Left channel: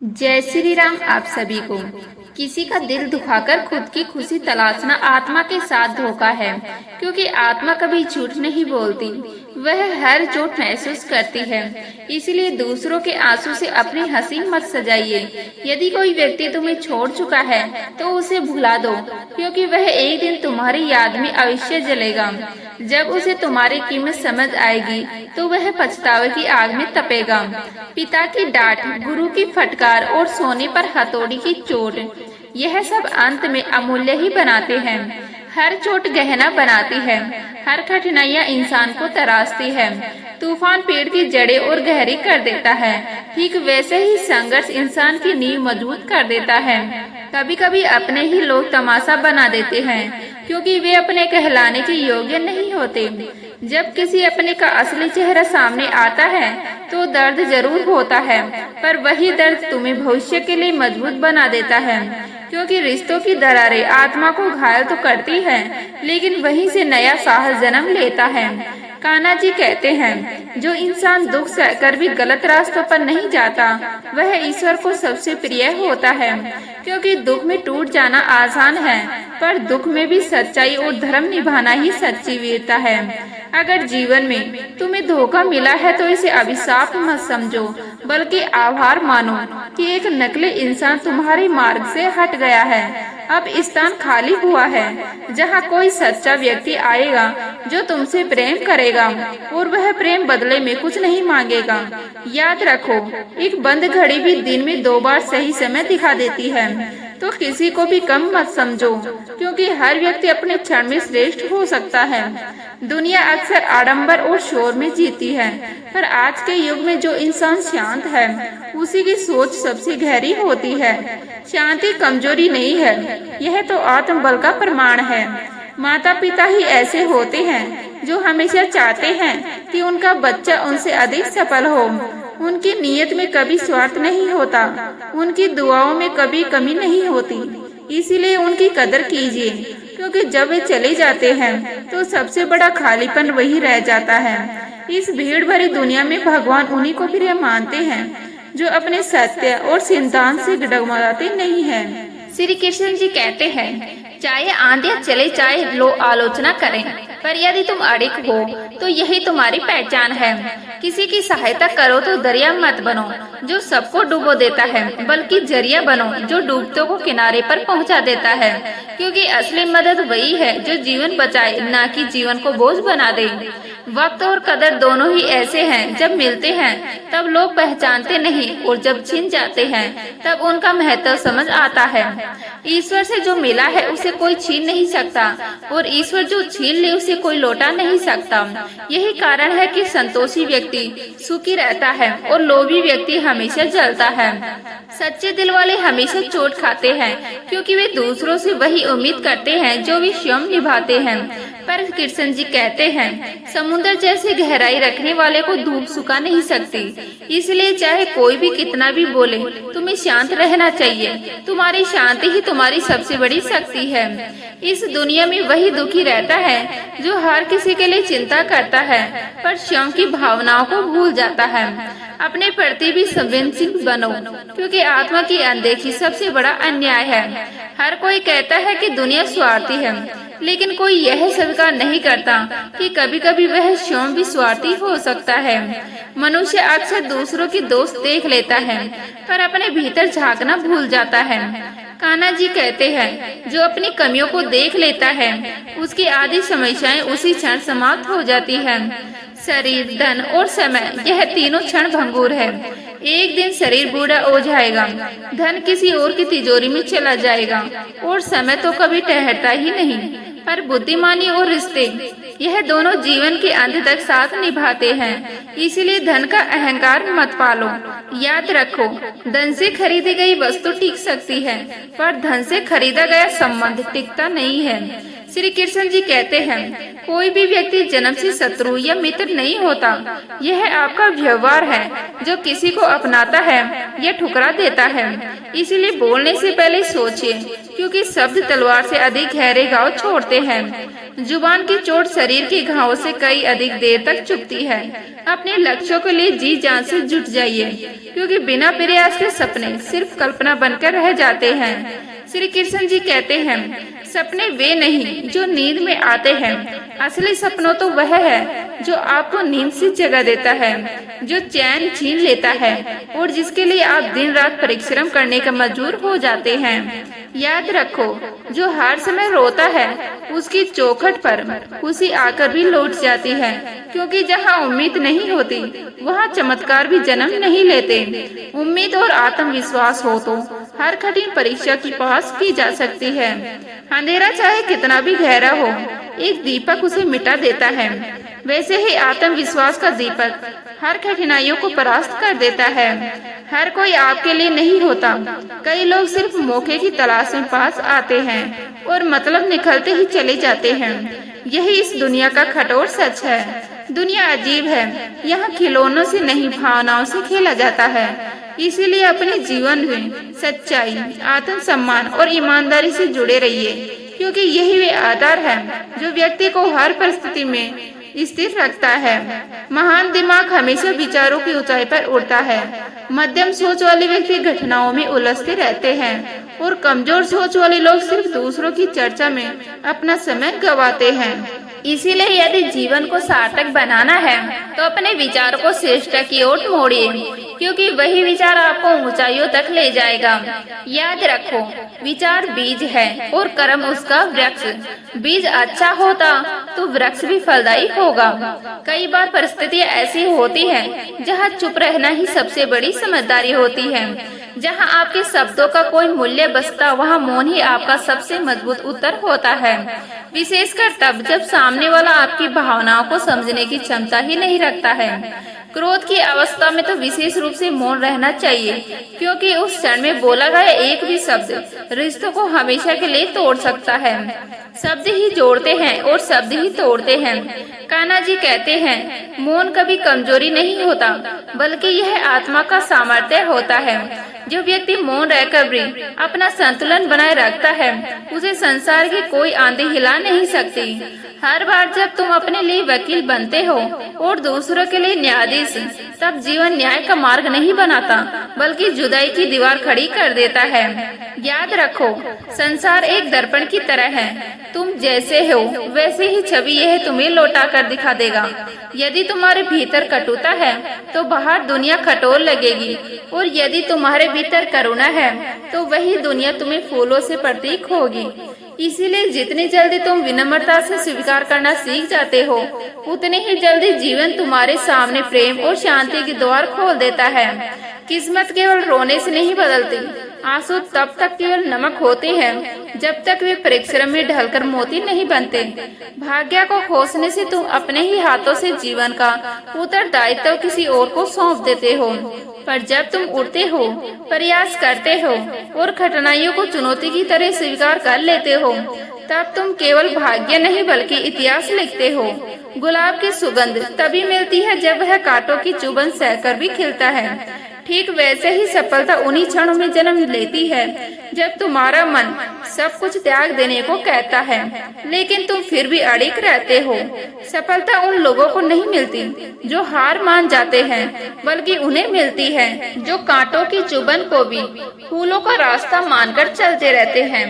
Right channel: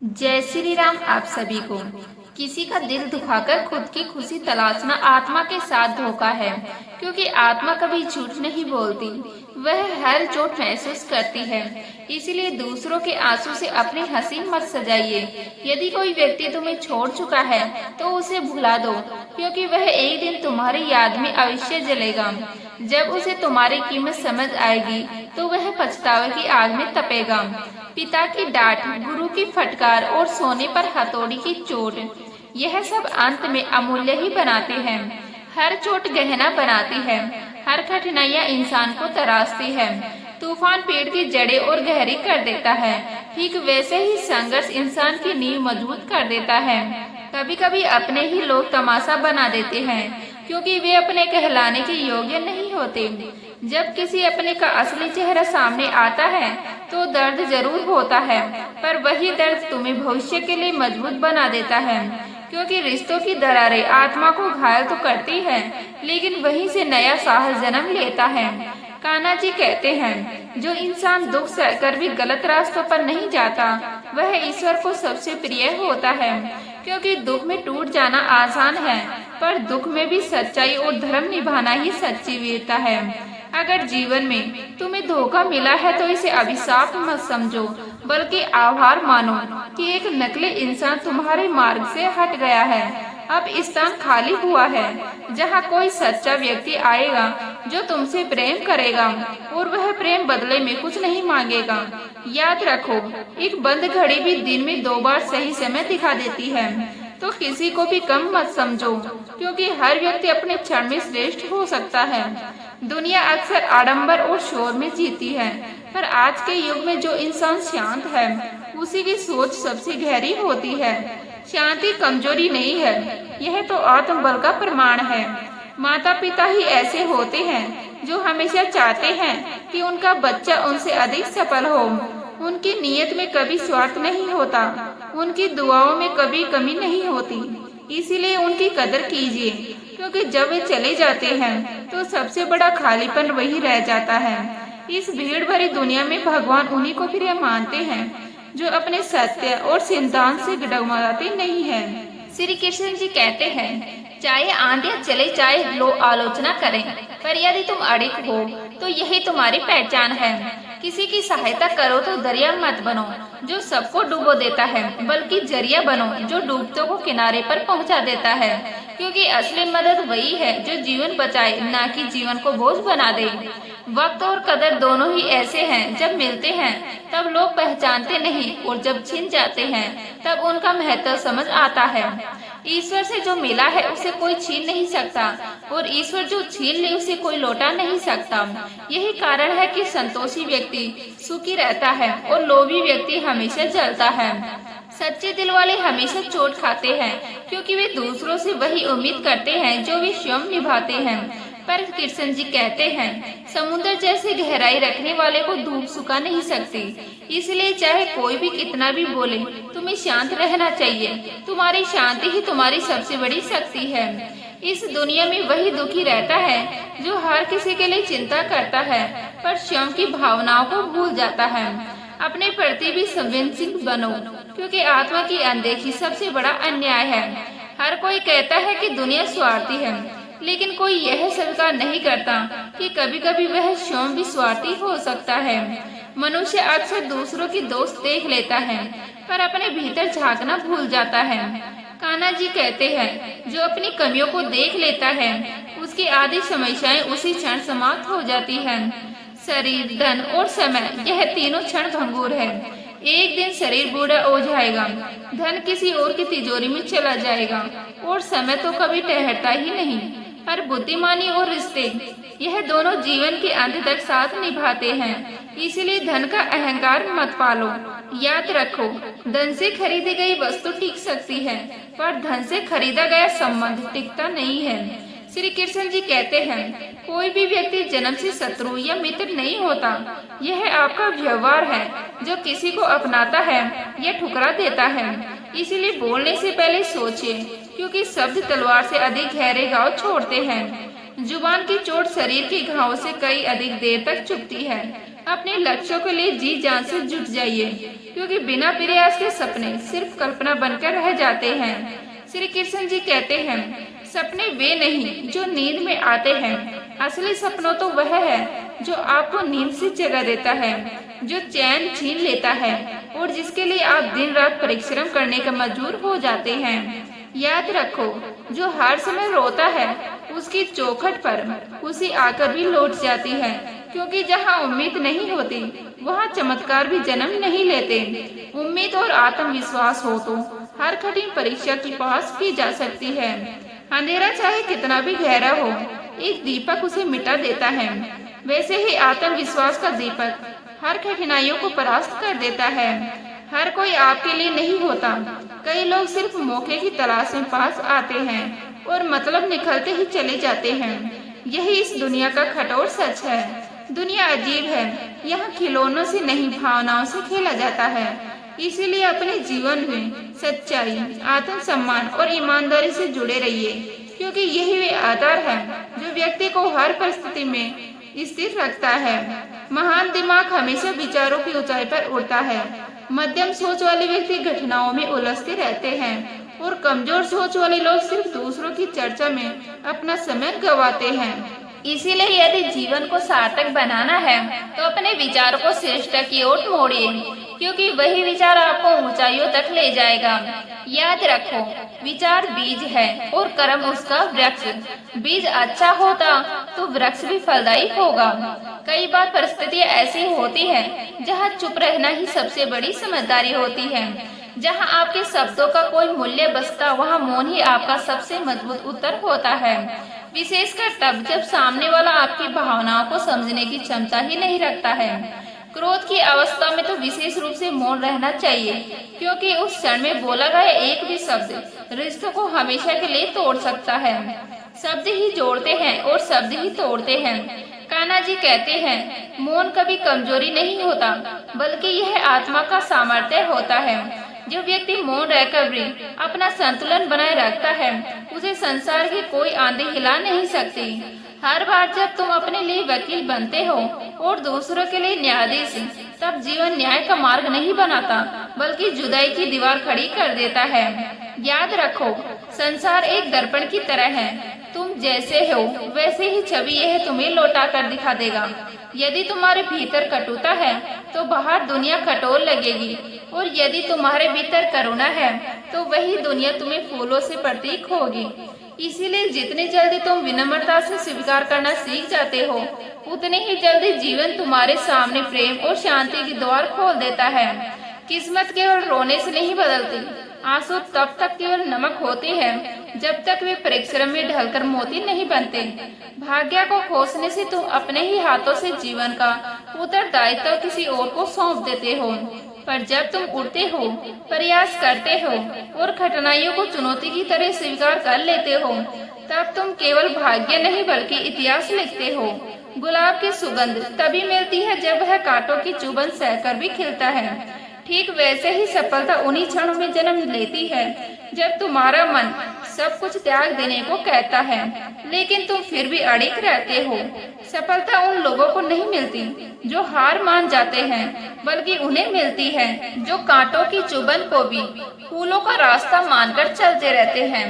जय श्री राम। आप सभी को किसी का दिल दुखाकर खुद की खुशी तलाशना आत्मा के साथ धोखा है, क्योंकि आत्मा कभी झूठ नहीं बोलती। वह हर चोट महसूस करती है। इसलिए दूसरों के आंसू से अपनी हंसी मत सजाइए। यदि कोई व्यक्ति तुम्हें छोड़ चुका है तो उसे भुला दो, क्योंकि वह एक दिन तुम्हारी याद में अवश्य जलेगा। जब उसे तुम्हारी कीमत समझ आएगी तो वह पछतावे की आग में तपेगा। पिता की डांट, गुरु की फटकार और सोने पर हथौड़ी की चोट, यह सब अंत में अमूल्य ही बनाते हैं। हर चोट गहना बनाती है, हर कठिनाइयाँ इंसान को तराशती है। तूफान पेड़ की जड़ें और गहरी कर देता है, ठीक वैसे ही संघर्ष इंसान की नींव मजबूत कर देता है। कभी कभी अपने ही लोग तमाशा बना देते हैं, क्योंकि वे अपने कहलाने के योग्य नहीं होते। जब किसी अपने का असली चेहरा सामने आता है तो दर्द जरूर होता है, पर वही दर्द तुम्हें भविष्य के लिए मजबूत बना देता है। क्योंकि रिश्तों की दरारें आत्मा को घायल तो करती है, लेकिन वहीं से नया साहस जन्म लेता है। कान्हा जी कहते हैं, जो इंसान दुख सहकर भी गलत रास्तों पर नहीं जाता, वह ईश्वर को सबसे प्रिय होता है। क्योंकि दुख में टूट जाना आसान है, पर दुख में भी सच्चाई और धर्म निभाना ही सच्ची वीरता है। अगर जीवन में तुम्हें धोखा मिला है तो इसे अभिशाप मत समझो, बल्कि आभार मानो कि एक नकली इंसान तुम्हारे मार्ग से हट गया है। अब स्थान खाली हुआ है, जहाँ कोई सच्चा व्यक्ति आएगा जो तुमसे प्रेम करेगा, और वह प्रेम बदले में कुछ नहीं मांगेगा। याद रखो, एक बंद घड़ी भी दिन में 2 बार सही समय दिखा देती है। तो किसी को भी कम मत समझो, क्योंकि हर व्यक्ति अपने क्षण में श्रेष्ठ हो सकता है। दुनिया अक्सर आडंबर और शोर में जीती है, पर आज के युग में जो इंसान शांत है, उसी की सोच सबसे गहरी होती है। शांति कमजोरी नहीं है, यह तो आत्मबल का प्रमाण है। माता पिता ही ऐसे होते हैं जो हमेशा चाहते हैं कि उनका बच्चा उनसे अधिक सफल हो। उनकी नीयत में कभी स्वार्थ नहीं होता, उनकी दुआओं में कभी कमी नहीं होती। इसीलिए उनकी कदर कीजिए, क्योंकि जब वे चले जाते हैं तो सबसे बड़ा खालीपन वही रह जाता है। इस भीड़ भरी दुनिया में भगवान उन्हीं को प्रिय मानते हैं जो अपने सत्य और सिद्धांत से डगमगाते नहीं हैं। श्री कृष्ण जी कहते हैं, चाहे आंधियां चले, चाहे लोग आलोचना करें, पर यदि तुम अड़िग हो तो यही तुम्हारी पहचान है। किसी की सहायता करो तो दरिया मत बनो जो सबको डुबो देता है, बल्कि जरिया बनो जो डूबतों को किनारे पर पहुंचा देता है। क्योंकि असली मदद वही है जो जीवन बचाए, न कि जीवन को बोझ बना दे। वक्त और कदर दोनों ही ऐसे हैं, जब मिलते हैं तब लोग पहचानते नहीं, और जब छिन जाते हैं तब उनका महत्व समझ आता है। ईश्वर से जो मिला है उसे कोई छीन नहीं सकता, और ईश्वर जो छीन ले उसे कोई लौटा नहीं सकता। यही कारण है कि संतोषी व्यक्ति सुखी रहता है और लोभी व्यक्ति हमेशा जलता है। सच्चे दिल वाले हमेशा चोट खाते हैं, क्योंकि वे दूसरों से वही उम्मीद करते हैं जो वे स्वयं निभाते हैं। पर कृष्ण जी कहते हैं, समुद्र जैसी गहराई रखने वाले को धूप सुखा नहीं सकती। इसलिए चाहे कोई भी कितना भी बोले, तुम्हें शांत रहना चाहिए। तुम्हारी शांति ही तुम्हारी सबसे बड़ी शक्ति है। इस दुनिया में वही दुखी रहता है जो हर किसी के लिए चिंता करता है, पर स्वयं की भावनाओं को भूल जाता है। अपने प्रति भी संवेदनशील बनो, क्योंकि आत्मा की अनदेखी सबसे बड़ा अन्याय है। हर कोई कहता है कि दुनिया स्वार्थी है, लेकिन कोई यह स्वीकार नहीं करता कि कभी कभी वह स्वयं भी स्वार्थी हो सकता है। मनुष्य अक्सर दूसरों की दोष देख लेता है, पर अपने भीतर झांकना भूल जाता है। कान्हा जी कहते हैं, जो अपनी कमियों को देख लेता है उसकी आधी समस्याएं उसी क्षण समाप्त हो जाती है। शरीर, धन और समय, यह तीनों क्षण भंगुर है। एक दिन शरीर बूढ़ा हो जाएगा, धन किसी और की तिजोरी में चला जाएगा, और समय तो कभी ठहरता ही नहीं। पर बुद्धिमानी और रिश्ते, यह दोनों जीवन के अंत तक साथ निभाते हैं। इसलिए धन का अहंकार मत पालो। याद रखो, धन से खरीदी गई वस्तु टिक सकती है, पर धन से खरीदा गया संबंध टिकता नहीं है। श्री कृष्ण जी कहते हैं, कोई भी व्यक्ति जन्म से शत्रु या मित्र नहीं होता। यह आपका व्यवहार है जो किसी को अपनाता है या ठुकरा देता है। इसलिए बोलने से पहले सोचिए, क्योंकि शब्द तलवार से अधिक गहरे घाव छोड़ते हैं। जुबान की चोट शरीर के घावों से कई अधिक देर तक चुभती है। अपने लक्ष्यों के लिए जी जान से जुट जाइए, क्योंकि बिना प्रयास के सपने सिर्फ कल्पना बनकर रह जाते हैं। श्री कृष्ण जी कहते हैं, सपने वे नहीं जो नींद में आते हैं, असली सपनों तो वह है जो आपको नींद से जगा देता है, जो चैन छीन लेता है और जिसके लिए आप दिन रात परिश्रम करने का मजबूर हो जाते हैं। याद रखो, जो हर समय रोता है उसकी चौखट पर खुशी आकर भी लौट जाती है, क्योंकि जहाँ उम्मीद नहीं होती वहाँ चमत्कार भी जन्म नहीं लेते। उम्मीद और आत्मविश्वास हो तो हर कठिन परीक्षा की पास की जा सकती है। अंधेरा चाहे कितना भी गहरा हो, एक दीपक उसे मिटा देता है। वैसे ही आत्मविश्वास का दीपक हर कठिनाइयों को परास्त कर देता है। हर कोई आपके लिए नहीं होता। कई लोग सिर्फ मौके की तलाश में पास आते हैं और मतलब निकलते ही चले जाते हैं। यही इस दुनिया का कठोर सच है। दुनिया अजीब है, यहाँ खिलौनों से नहीं भावनाओं से खेला जाता है। इसीलिए अपने जीवन में सच्चाई, आत्मसम्मान और ईमानदारी से जुड़े रहिए, क्योंकि यही वे आधार है जो व्यक्ति को हर परिस्थिति में स्थिर रखता है। महान दिमाग हमेशा विचारों की ऊंचाई पर उड़ता है। मध्यम सोच वाले व्यक्ति घटनाओं में उलझते रहते हैं और कमजोर सोच वाले लोग सिर्फ दूसरों की चर्चा में अपना समय गंवाते हैं। इसीलिए यदि जीवन को सार्थक बनाना है तो अपने विचारों को श्रेष्ठ की ओर मोड़िए, क्योंकि वही विचार आपको ऊंचाइयों तक ले जाएगा। याद रखो, विचार बीज है और कर्म उसका वृक्ष। बीज अच्छा होता तो वृक्ष भी फलदायी होगा। कई बार परिस्थितियां ऐसी होती हैं जहां चुप रहना ही सबसे बड़ी समझदारी होती है। जहां आपके शब्दों का कोई मूल्य बचता, वहां मौन ही आपका सबसे मजबूत उत्तर होता है। विशेषकर तब जब सामने वाला आपकी भावनाओं को समझने की क्षमता ही नहीं रखता है। क्रोध की अवस्था में तो विशेष रूप से मौन रहना चाहिए, क्योंकि उस क्षण में बोला गया एक भी शब्द रिश्तों को हमेशा के लिए तोड़ सकता है। शब्द ही जोड़ते हैं और शब्द ही तोड़ते हैं। कान्हा जी कहते हैं, मौन कभी कमजोरी नहीं होता, बल्कि यह आत्मा का सामर्थ्य होता है। जो व्यक्ति मौन रहकर भी अपना संतुलन बनाए रखता है, उसे संसार की कोई आंधी हिला नहीं सकती। हर बार जब तुम अपने लिए वकील बनते हो और दूसरों के लिए न्यायाधीश, तब जीवन न्याय का मार्ग नहीं बनाता, बल्कि जुदाई की दीवार खड़ी कर देता है। याद रखो, संसार एक दर्पण की तरह है। तुम जैसे हो वैसे ही छवि यह तुम्हें लौटा कर दिखा देगा। यदि तुम्हारे भीतर कटुता है तो बाहर दुनिया कठोर लगेगी, और यदि तुम्हारे भीतर करुणा है तो वही दुनिया तुम्हें फूलों से प्रतीक होगी। इसीलिए जितनी जल्दी तुम विनम्रता से स्वीकार करना सीख जाते हो, उतने ही जल्दी जीवन तुम्हारे सामने प्रेम और शांति के द्वार खोल देता है। किस्मत केवल रोने से नहीं बदलती। आंसू तब तक केवल नमक होते हैं जब तक वे परिश्रम में ढलकर मोती नहीं बनते। भाग्य को खोसने से तुम अपने ही हाथों से जीवन का उत्तरदायित्व किसी और को सौंप देते हो। पर जब तुम उड़ते हो, प्रयास करते हो और कठिनाइयों को चुनौती की तरह स्वीकार कर लेते हो, तब तुम केवल भाग्य नहीं बल्कि इतिहास लिखते हो। गुलाब की सुगंध तभी मिलती है जब वह कांटों की चुभन सहकर भी खिलता है। ठीक वैसे ही सफलता उन्हीं क्षणों में जन्म लेती है जब तुम्हारा मन सब कुछ त्याग देने को कहता है, लेकिन तुम फिर भी अड़िग रहते हो। सफलता उन लोगों को नहीं मिलती जो हार मान जाते हैं, बल्कि उन्हें मिलती है जो कांटों की चुभन को भी फूलों का रास्ता मानकर चलते रहते हैं।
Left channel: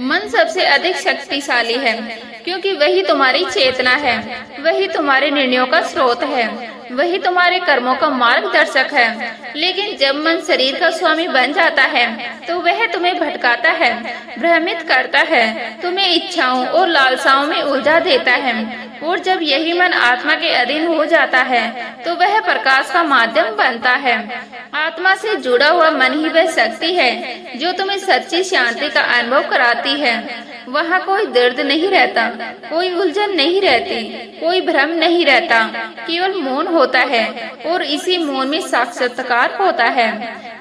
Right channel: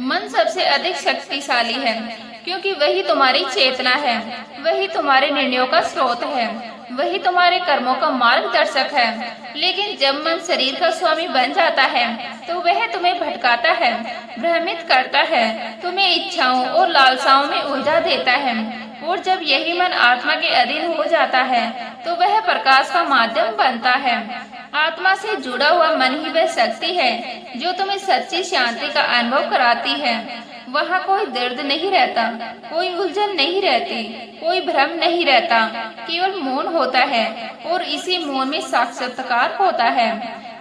मन सबसे अधिक शक्तिशाली है, क्योंकि वही तुम्हारी चेतना है, वही तुम्हारे निर्णयों का स्रोत है, वही तुम्हारे कर्मों का मार्गदर्शक है। लेकिन जब मन शरीर का स्वामी बन जाता है तो वह तुम्हें भटकाता है, भ्रमित करता है, तुम्हें इच्छाओं और लालसाओं में उलझा देता है। और जब यही मन आत्मा के अधीन हो जाता है तो वह प्रकाश का माध्यम बनता है। आत्मा से जुड़ा हुआ मन ही वह शक्ति है जो तुम्हें सच्ची शांति का अनुभव कराती है। वहाँ कोई दर्द नहीं रहता, कोई उलझन नहीं रहती, कोई भ्रम नहीं रहता, केवल मौन होता है और इसी मौन में साक्षात्कार होता है।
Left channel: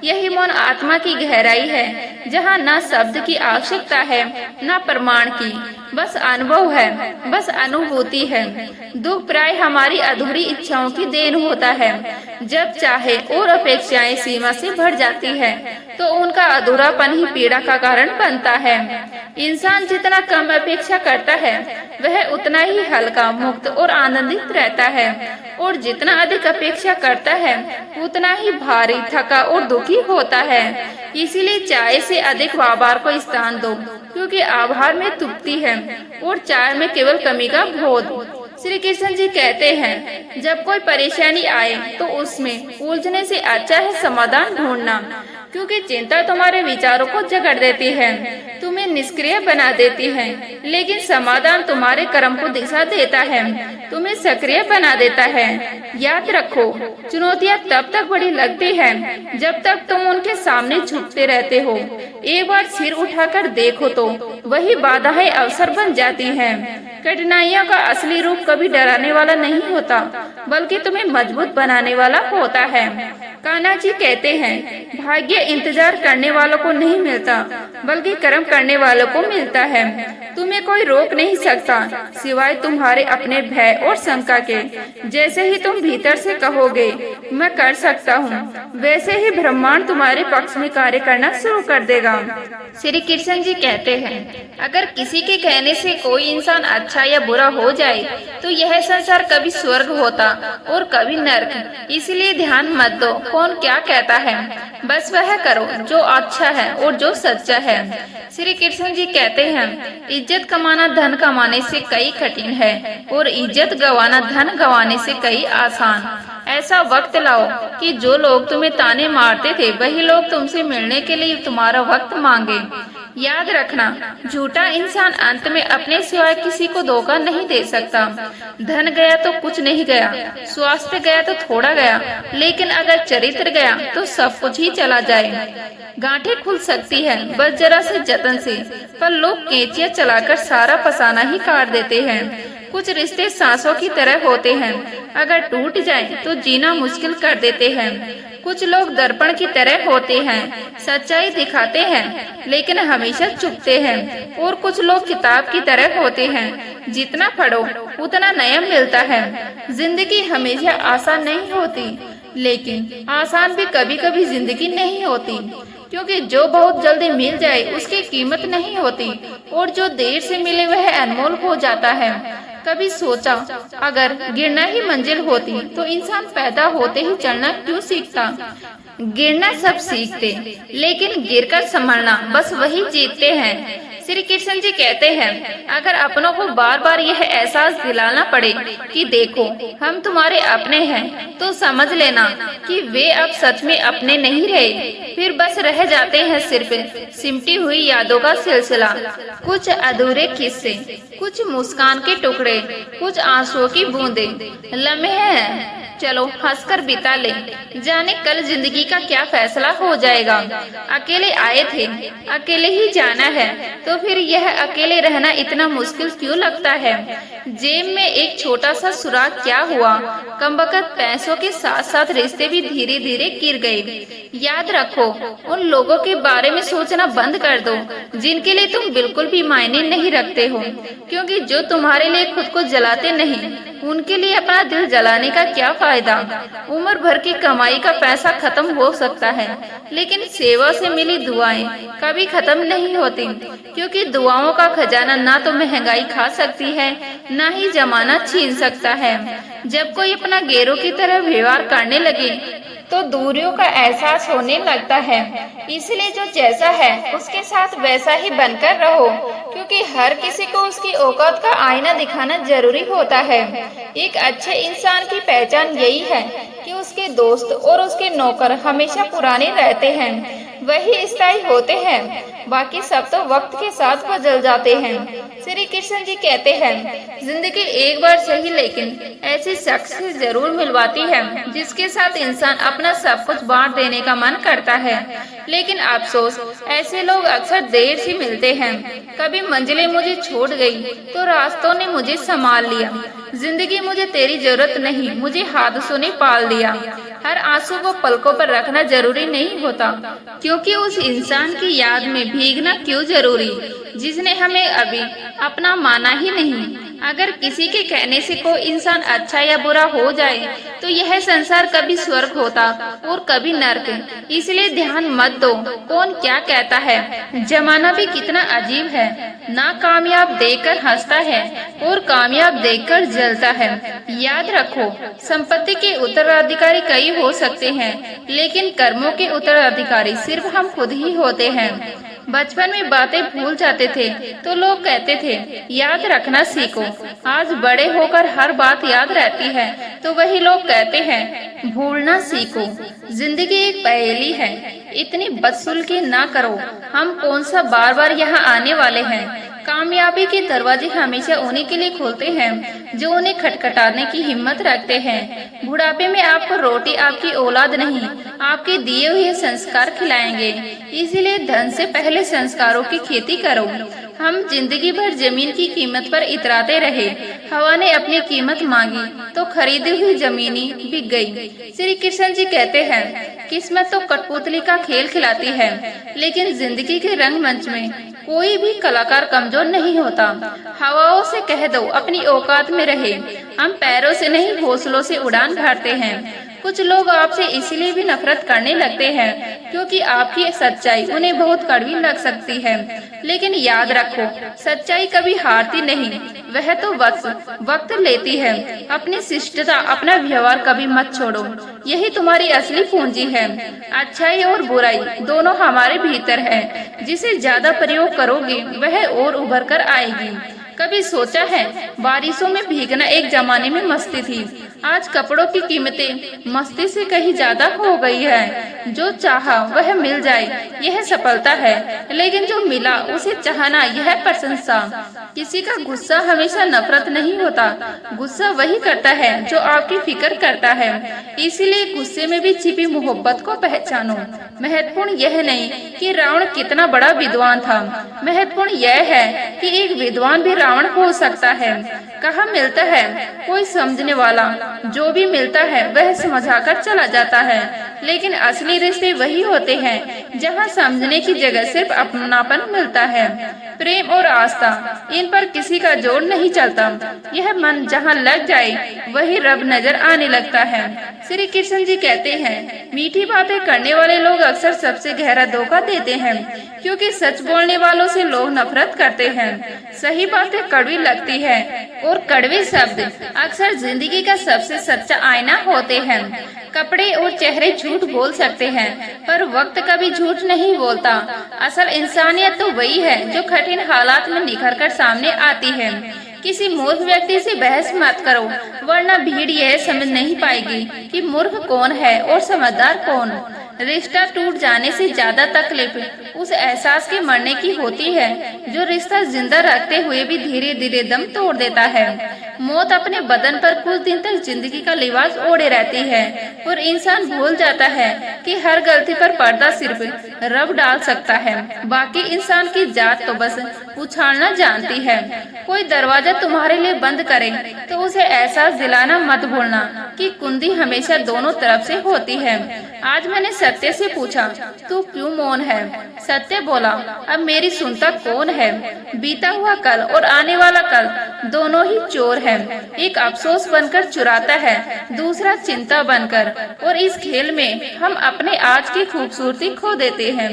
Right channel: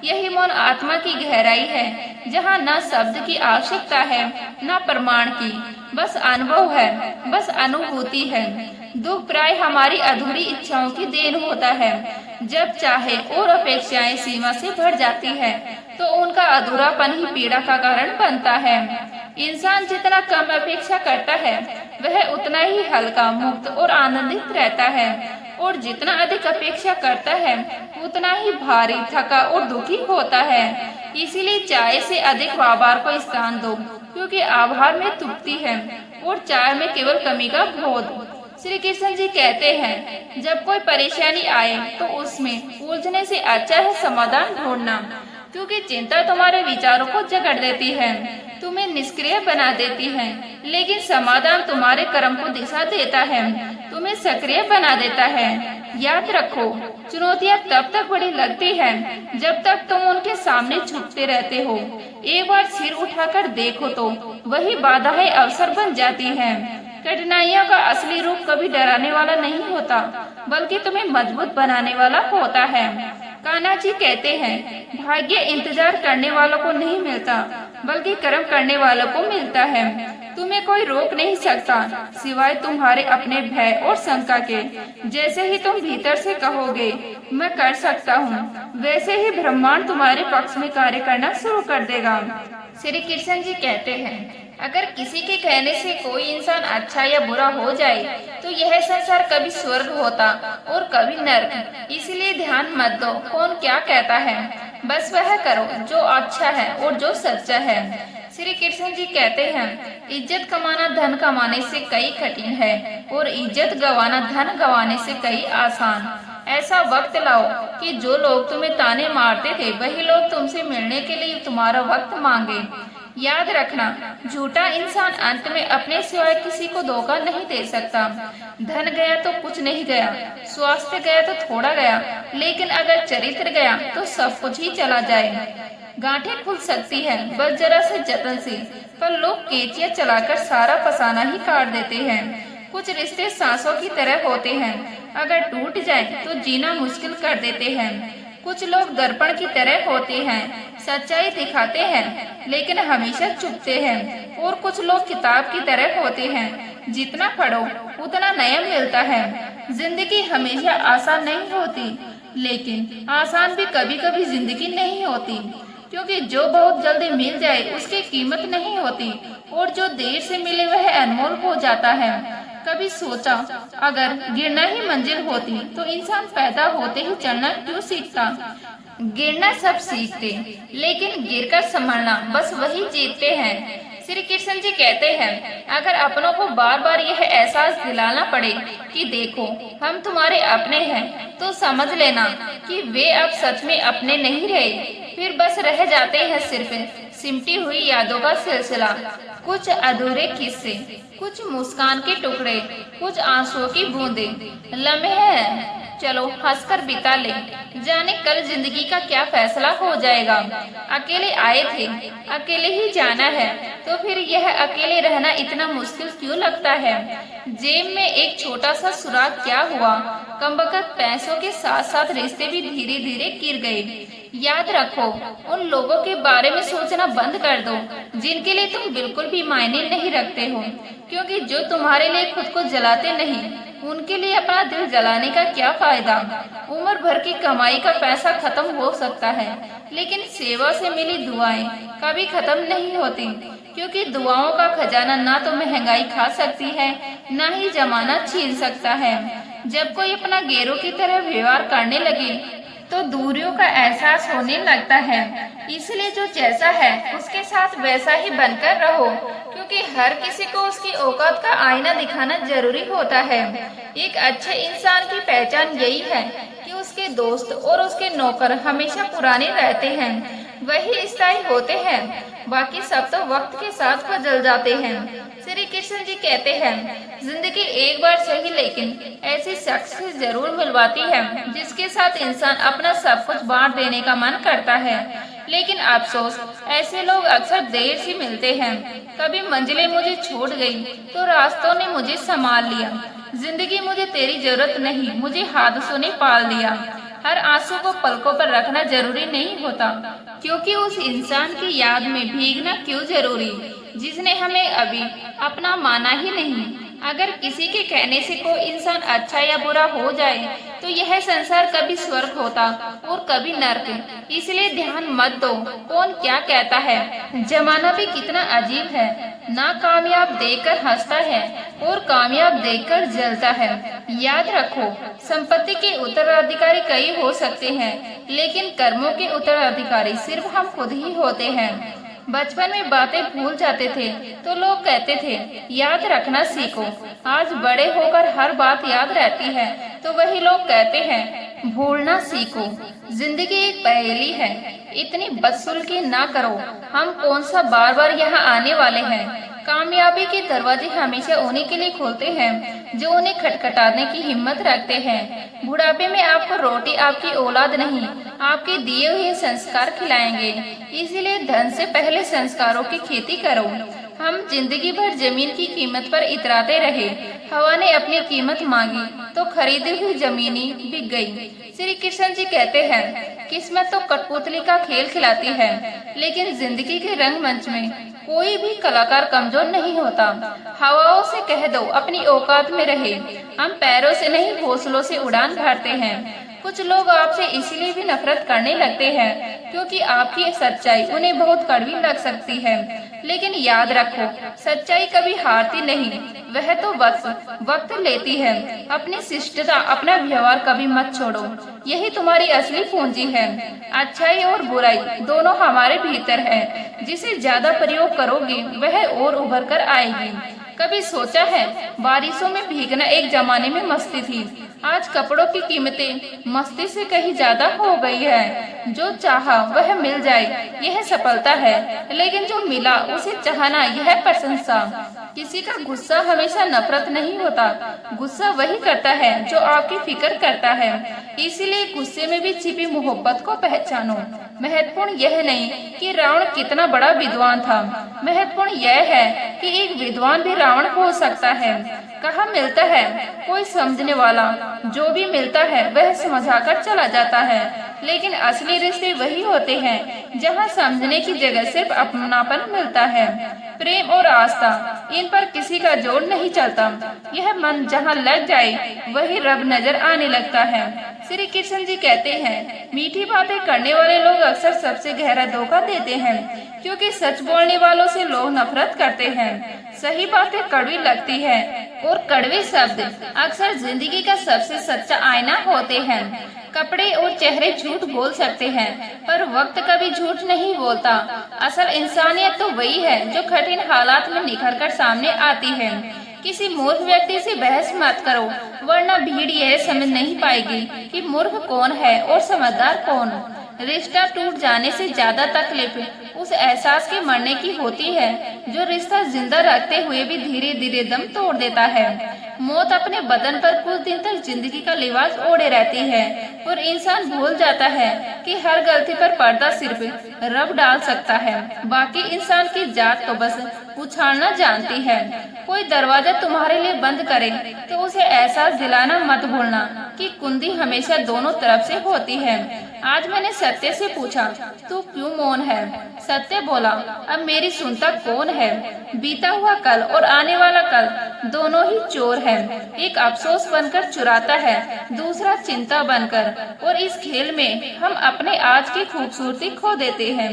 यही मौन आत्मा की गहराई है, जहाँ न शब्द की आवश्यकता है न प्रमाण की, बस अनुभव है, बस अनुभूति है। दुख प्राय हमारी अधूरी इच्छाओं की देन होता है। जब चाहे और अपेक्षाएं सीमा से बढ़ जाती है तो उनका अधूरापन ही पीड़ा का कारण बनता है। इंसान जितना कम अपेक्षा करता है वह उतना ही हल्का, मुक्त और आनंदित रहता है, और जितना अधिक अपेक्षा करता है उतना ही भारी, थका और दुखी होता है। इसीलिए चाय से अधिक आभार को स्थान दो, क्योंकि आभार में तृप्ति है और चाय में केवल कमी का बोध। श्री कृष्ण जी कहते हैं, जब कोई परेशानी आए तो उसमें उलझने से अच्छा है समाधान ढूंढना, क्योंकि चिंता तुम्हारे विचारों को जकड़ देती है, तुम्हें निष्क्रिय बना देती है, लेकिन समाधान तुम्हारे कर्म को दिशा देता है, तुम्हें सक्रिय बना देता है। याद रखो, चुनौतियाँ तब तक बड़ी लगती हैं जब तक तुम उनके सामने झुकते रहते हो। एक बार सिर उठाकर देखो तो वही बाधाएं अवसर बन जाती हैं। कठिनाइयों का असली रूप कभी डराने वाला नहीं होता, बल्कि तुम्हें मजबूत बनाने वाला होता है। कान्हा जी कहते हैं, भाग्य इंतजार करने वालों को नहीं मिलता, बल्कि कर्म करने वालों को मिलता है। तुम्हें कोई रोक नहीं सकता सिवाय तुम्हारे अपने भय और शंका के। जैसे ही तुम भीतर से कहोगे मैं कर सकता हूँ, वैसे ही ब्रह्मांड तुम्हारे पक्ष में कार्य करना शुरू कर देगा। श्री कृष्ण जी कहते हैं, अगर किसी के कहने से कोई इंसान अच्छा या बुरा हो जाए तो यह संसार कभी स्वर्ग होता और कभी नर्क। इसलिए ध्यान मत दो कौन क्या कहता है, बस वह करो जो अच्छा है और जो सच्चा है। श्री कृष्ण जी कहते हैं, इज्जत कमाना धन कमाने से कई कठिन है और इज्जत गंवाना धन गंवाने से कई आसान। ऐसा वक्त लाओ कि जो लोग तुम्हें ताने मारते थे वही लोग तुमसे मिलने के लिए तुम्हारा वक्त मांगे। याद रखना, झूठा इंसान अंत में अपने सिवाय किसी को धोखा नहीं दे सकता। धन गया तो कुछ नहीं गया, स्वास्थ्य गया तो थोड़ा गया, लेकिन अगर चरित्र गया तो सब कुछ ही चला जाए। गांठें खुल सकती है बस जरा से जतन से, पर लोग कैंचियां चलाकर सारा फसाना ही काट देते हैं। कुछ रिश्ते सांसों की तरह होते हैं, अगर टूट जाए तो जीना मुश्किल कर देते हैं। कुछ लोग दर्पण की तरह होते हैं, सच्चाई दिखाते हैं लेकिन हमेशा चुपते हैं। और कुछ लोग किताब की तरह होते हैं, जितना पढ़ो उतना नया मिलता है। जिंदगी हमेशा आसान नहीं होती, लेकिन आसान भी कभी कभी जिंदगी नहीं होती, क्योंकि जो बहुत जल्दी मिल जाए उसकी कीमत नहीं होती, और जो देर से मिले वह अनमोल हो जाता है। कभी सोचा, अगर गिरना ही मंजिल होती तो इंसान पैदा होते ही चढ़ना क्यों सीखता। गिरना सब सीखते, लेकिन गिरकर संभलना बस वही जीतते हैं। श्री कृष्ण जी कहते हैं, अगर अपनों को बार बार यह एहसास दिलाना पड़े कि देखो हम तुम्हारे अपने हैं, तो समझ लेना कि वे अब सच में अपने नहीं रहे, फिर बस रह जाते हैं सिर्फ सिमटी हुई यादों का सिलसिला। कुछ अधूरे किस्से, कुछ मुस्कान के टुकड़े, कुछ आंसुओं की बूंदें, लम्हे हैं चलो हंसकर बिता ले, जाने कल जिंदगी का क्या फैसला हो जाएगा। अकेले आए थे, अकेले ही जाना है, तो फिर यह अकेले रहना इतना मुश्किल क्यों लगता है। जेब में एक छोटा सा सुराग क्या हुआ, कमबख्त पैसों के साथ साथ रिश्ते भी धीरे धीरे गिर गए। याद रखो, उन लोगों के बारे में सोचना बंद कर दो जिनके लिए तुम बिल्कुल भी मायने नहीं रखते हो, क्योंकि जो तुम्हारे लिए खुद को जलाते नहीं उनके लिए अपना दिल जलाने का क्या फायदा। उम्र भर की कमाई का पैसा खत्म हो सकता है, लेकिन सेवा से मिली दुआएं कभी खत्म नहीं होती, क्योंकि दुआओं का खजाना ना तो महंगाई खा सकती है, ना ही जमाना छीन सकता है। जब कोई अपना गैरों की तरह व्यवहार करने लगे तो दूरियों का एहसास होने लगता है। इसलिए जो जैसा है उसके साथ वैसा ही बनकर रहो, क्योंकि हर किसी को उसकी औकात का आईना दिखाना जरूरी होता है। एक अच्छे इंसान की पहचान यही है कि उसके दोस्त और उसके नौकर हमेशा पुराने रहते हैं, वही स्थायी होते हैं, बाकी सब तो वक्त के साथ बदल जाते हैं। श्री कृष्ण जी कहते हैं, जिंदगी एक बार सही लेकिन ऐसी शख्स से जरूर मिलवाती है जिसके साथ इंसान अपना सब कुछ बांट देने का मन करता है, लेकिन अफसोस ऐसे लोग अक्सर देर से मिलते हैं। कभी मंजिलें मुझे छोड़ गई तो रास्तों ने मुझे संभाल लिया। जिंदगी मुझे तेरी जरूरत नहीं, मुझे हादसों ने पाल दिया। हर आंसू को पलकों पर रखना जरूरी नहीं होता, क्योंकि उस इंसान की याद में भीगना क्यों जरूरी जिसने हमें अभी अपना माना ही नहीं। अगर किसी के कहने से कोई इंसान अच्छा या बुरा हो जाए तो यह संसार कभी स्वर्ग होता और कभी नर्क। इसलिए ध्यान मत दो कौन क्या कहता है। जमाना भी कितना अजीब है, नाकामयाब देखकर हंसता है और कामयाब देखकर जलता है। याद रखो, संपत्ति के उत्तराधिकारी कई हो सकते हैं, लेकिन कर्मों के उत्तराधिकारी सिर्फ हम खुद ही होते हैं। बचपन में बातें भूल जाते थे तो लोग कहते थे याद रखना सीखो। आज बड़े होकर हर बात याद रहती है तो वही लोग कहते हैं भूलना सीखो। जिंदगी एक पहेली है, इतनी बदसुल्की ना करो। हम कौन सा बार बार यहाँ आने वाले हैं। कामयाबी के दरवाजे हमेशा उन्हीं के लिए खुलते हैं जो उन्हें खटखटाने की हिम्मत रखते हैं। बुढ़ापे में आपको रोटी आपकी औलाद नहीं, आपके दिए हुए संस्कार खिलाएंगे। इसलिए धन से पहले संस्कारों की खेती करो। हम जिंदगी भर जमीन की कीमत पर इतराते रहे। हवा ने अपनी कीमत मांगी तो खरीदी हुई जमीनी बिक गई। श्री कृष्ण जी कहते हैं किस्मत तो कठपुतली का खेल खिलाती है, लेकिन जिंदगी के रंगमंच में कोई भी कलाकार कमजोर नहीं होता। हवाओं से कह दो अपनी औकात में रहे। हम पैरों से नहीं हौसलों से उड़ान भरते हैं। कुछ लोग आपसे इसलिए भी नफरत करने लगते हैं क्योंकि आपकी सच्चाई उन्हें बहुत कड़वी लग सकती है। लेकिन याद रखो, सच्चाई कभी हारती नहीं, वह तो वक्त लेती है। अपनी शिष्टता, अपना व्यवहार कभी मत छोड़ो, यही तुम्हारी असली पूंजी है। अच्छाई और बुराई दोनों हमारे भीतर है। जिसे ज्यादा प्रयोग करोगे वह और उभर कर आएगी। कभी सोचा है बारिशों में भीगना एक जमाने में मस्ती थी, आज कपड़ों की कीमतें मस्ती से कहीं ज्यादा हो गई है। जो चाहा वह मिल जाए यह सफलता है, लेकिन जो मिला उसे चाहना यह प्रशंसा। किसी का गुस्सा हमेशा नफरत नहीं होता, गुस्सा वही करता है जो आपकी फिक्र करता है। इसलिए गुस्से में भी छिपी मोहब्बत को पहचानो। महत्वपूर्ण यह नहीं कि रावण कितना बड़ा विद्वान था, महत्वपूर्ण यह है कि एक विद्वान भी रावण हो सकता है। कहाँ मिलता है कोई समझने वाला, जो भी मिलता है वह समझाकर चला जाता है। लेकिन असली रिश्ते वही होते हैं जहाँ समझने की जगह सिर्फ अपनापन मिलता है। प्रेम और आस्था, इन पर किसी का जोर नहीं चलता। यह मन जहाँ लग जाए वही रब नजर आने लगता है। श्री कृष्ण जी कहते हैं मीठी बातें करने वाले लोग अक्सर सबसे गहरा धोखा देते हैं, क्योंकि सच बोलने वालों से लोग नफरत करते हैं। सही बातें कड़वी लगती है और कड़वे शब्द अक्सर जिंदगी का सबसे सच्चा आईना होते हैं। कपड़े और चेहरे झूठ बोल सकते हैं, पर वक्त कभी झूठ नहीं बोलता। असल इंसानियत तो वही है जो कठिन हालात में निखर कर सामने आती है। किसी मूर्ख व्यक्ति से बहस मत करो, वरना भीड़ यह समझ नहीं पाएगी कि मूर्ख कौन है और समझदार कौन। रिश्ता टूट जाने से ज्यादा तकलीफ उस एहसास के मरने की होती है जो रिश्ता जिंदा रखते हुए भी धीरे धीरे दम तोड़ देता है। मौत अपने बदन पर कुछ दिन तक जिंदगी का लिबास ओढ़े रहती है और इंसान भूल जाता है कि हर गलती पर पर्दा सिर्फ रब डाल सकता है। बाकी इंसान की जात तो बस उछालना जानती है। कोई दरवाजा तुम्हारे लिए बंद करे तो उसे एहसास दिलाना मत भूलना कि कुंडी हमेशा दोनों तरफ से होती है। आज मैंने सत्य से पूछा तू क्यों मौन है? सत्य बोला अब मेरी सुनता कौन है? बीता हुआ कल और आने वाला कल दोनों ही चोर है। एक अफसोस बनकर चुराता है, दूसरा चिंता बनकर, और इस खेल में हम अपने आज की खूबसूरती खो देते हैं।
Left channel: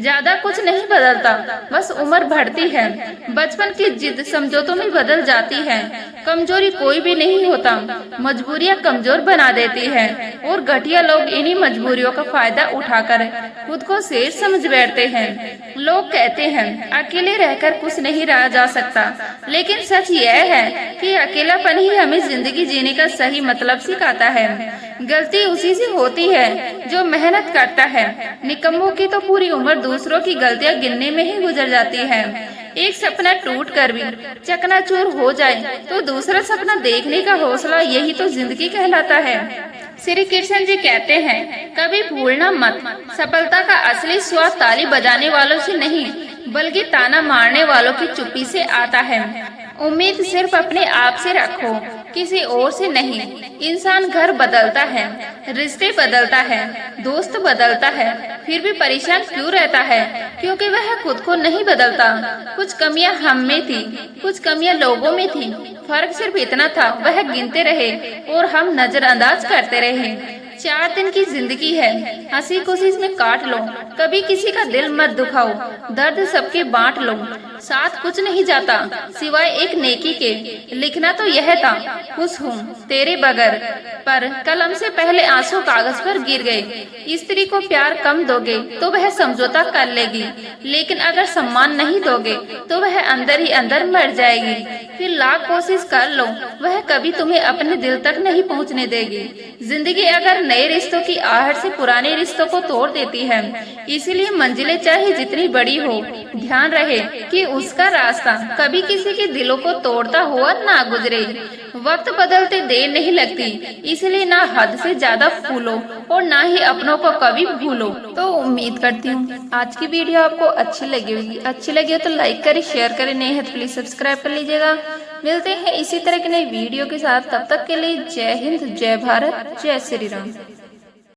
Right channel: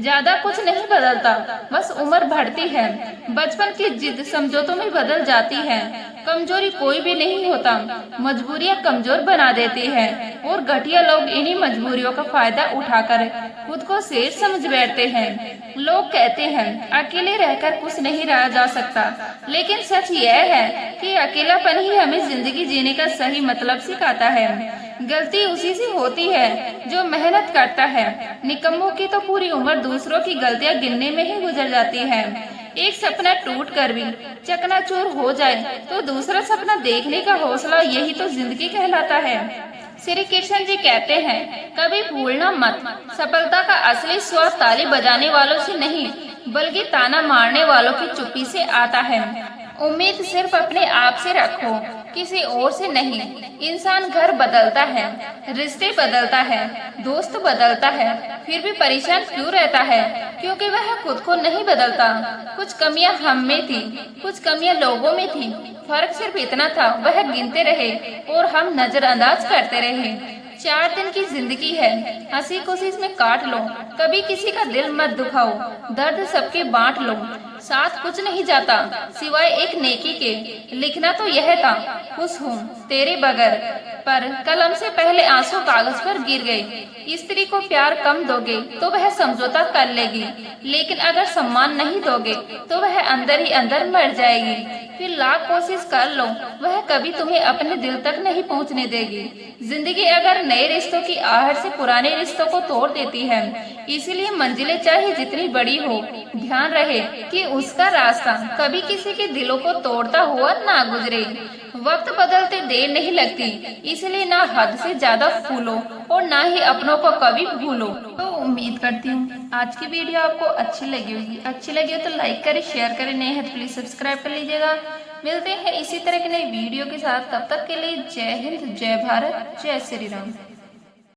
ज्यादा कुछ नहीं बदलता, बस उम्र बढ़ती है। बचपन की जिद समझौतों में बदल जाती है। कमजोरी कोई भी नहीं होता, मजबूरियाँ कमजोर बना देती है और घटिया लोग इन्हीं मजबूरियों का फायदा उठाकर खुद को शेर समझ बैठते हैं। लोग कहते हैं अकेले रहकर कुछ नहीं रहा जा सकता, लेकिन सच यह है कि अकेलापन ही हमें जिंदगी जीने का सही मतलब सिखाता है। गलती उसी से होती है जो मेहनत करता है। निकम्मों की तो पूरी उम्र दूसरों की गलतियां गिनने में ही गुजर जाती है। एक सपना टूट कर भी चकनाचूर हो जाए तो दूसरा सपना देखने का हौसला, यही तो जिंदगी कहलाता है। श्री कृष्ण जी कहते हैं कभी भूलना मत, सफलता का असली स्वाद ताली बजाने वालों से नहीं बल्कि ताना मारने वालों की चुप्पी से आता है। उम्मीद सिर्फ अपने आप से रखो किसी और से नहीं। इंसान घर बदलता है, रिश्ते बदलता है, दोस्त बदलता है, फिर भी परेशान क्यों रहता है? क्योंकि वह खुद को नहीं बदलता। कुछ कमियां हम में थी, कुछ कमियां लोगों में थी। फर्क सिर्फ इतना था, वह गिनते रहे और हम नजरअंदाज करते रहे। 4 दिन की जिंदगी है, हंसी खुशी में काट लो। कभी किसी का दिल मत दुखाओ, दर्द सबके बांट लो। साथ कुछ नहीं जाता सिवाय एक नेकी के। लिखना तो यह था, खुश हूँ तेरे बगैर, पर कलम से पहले आंसू कागज पर गिर गए। स्त्री को प्यार कम दोगे तो वह समझौता कर लेगी, लेकिन अगर सम्मान नहीं दोगे तो वह अंदर ही अंदर मर जाएगी। फिर लाख कोशिश कर लो, वह कभी तुम्हें अपने दिल तक नहीं पहुँचने देगी। जिंदगी अगर नए रिश्तों की आहट से पुराने रिश्तों को तोड़ देती है। इसीलिए मंजिलें चाहे जितनी बड़ी हो, ध्यान रहे कि उसका रास्ता कभी किसी के दिलों को तोड़ता हुआ ना गुजरे। वक्त बदलते देर नहीं लगती, इसलिए ना हद से ज्यादा फूलो और ना ही अपनों को कभी भूलो। तो उम्मीद करती हूँ आज की वीडियो आपको अच्छी लगी होगी। अच्छी लगी हो तो लाइक करें, शेयर करें, नए हैं तो प्लीज सब्सक्राइब कर लीजिएगा। मिलते हैं इसी तरह के नई वीडियो के साथ, तब तक के लिए जय हिंद, जय भारत, जय श्री राम।